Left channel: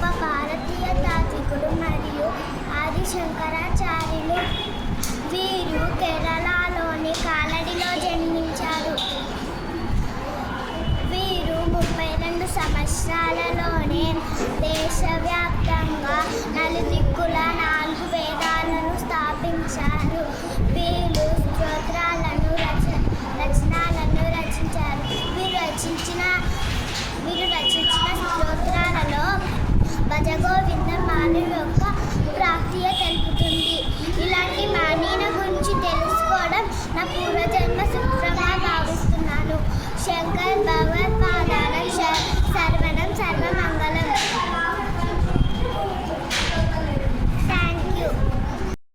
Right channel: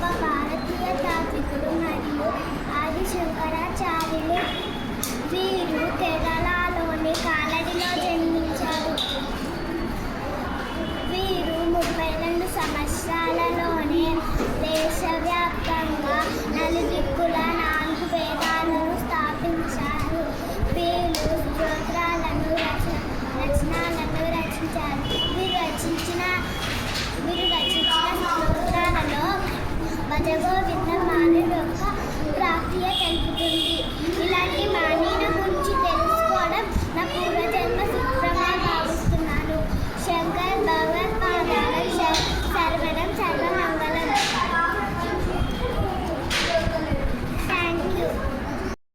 గొప్ప భారతీయ తాత్వికుడు మరియు ఆది శంకరాచార్యులు. వీరు కేరళలోని కాలడిలో జన్మించారు. వీరు 32 సంవత్సరాలలోనే దేశవ్యాప్తంగా నలుదిక్కుల 4 వేదాలను స్థాపించారు. వీరు స్తోత్రాలను రచనలను రచించారు. వీరు రచించిన స్తోత్రాలలో భజగోవింద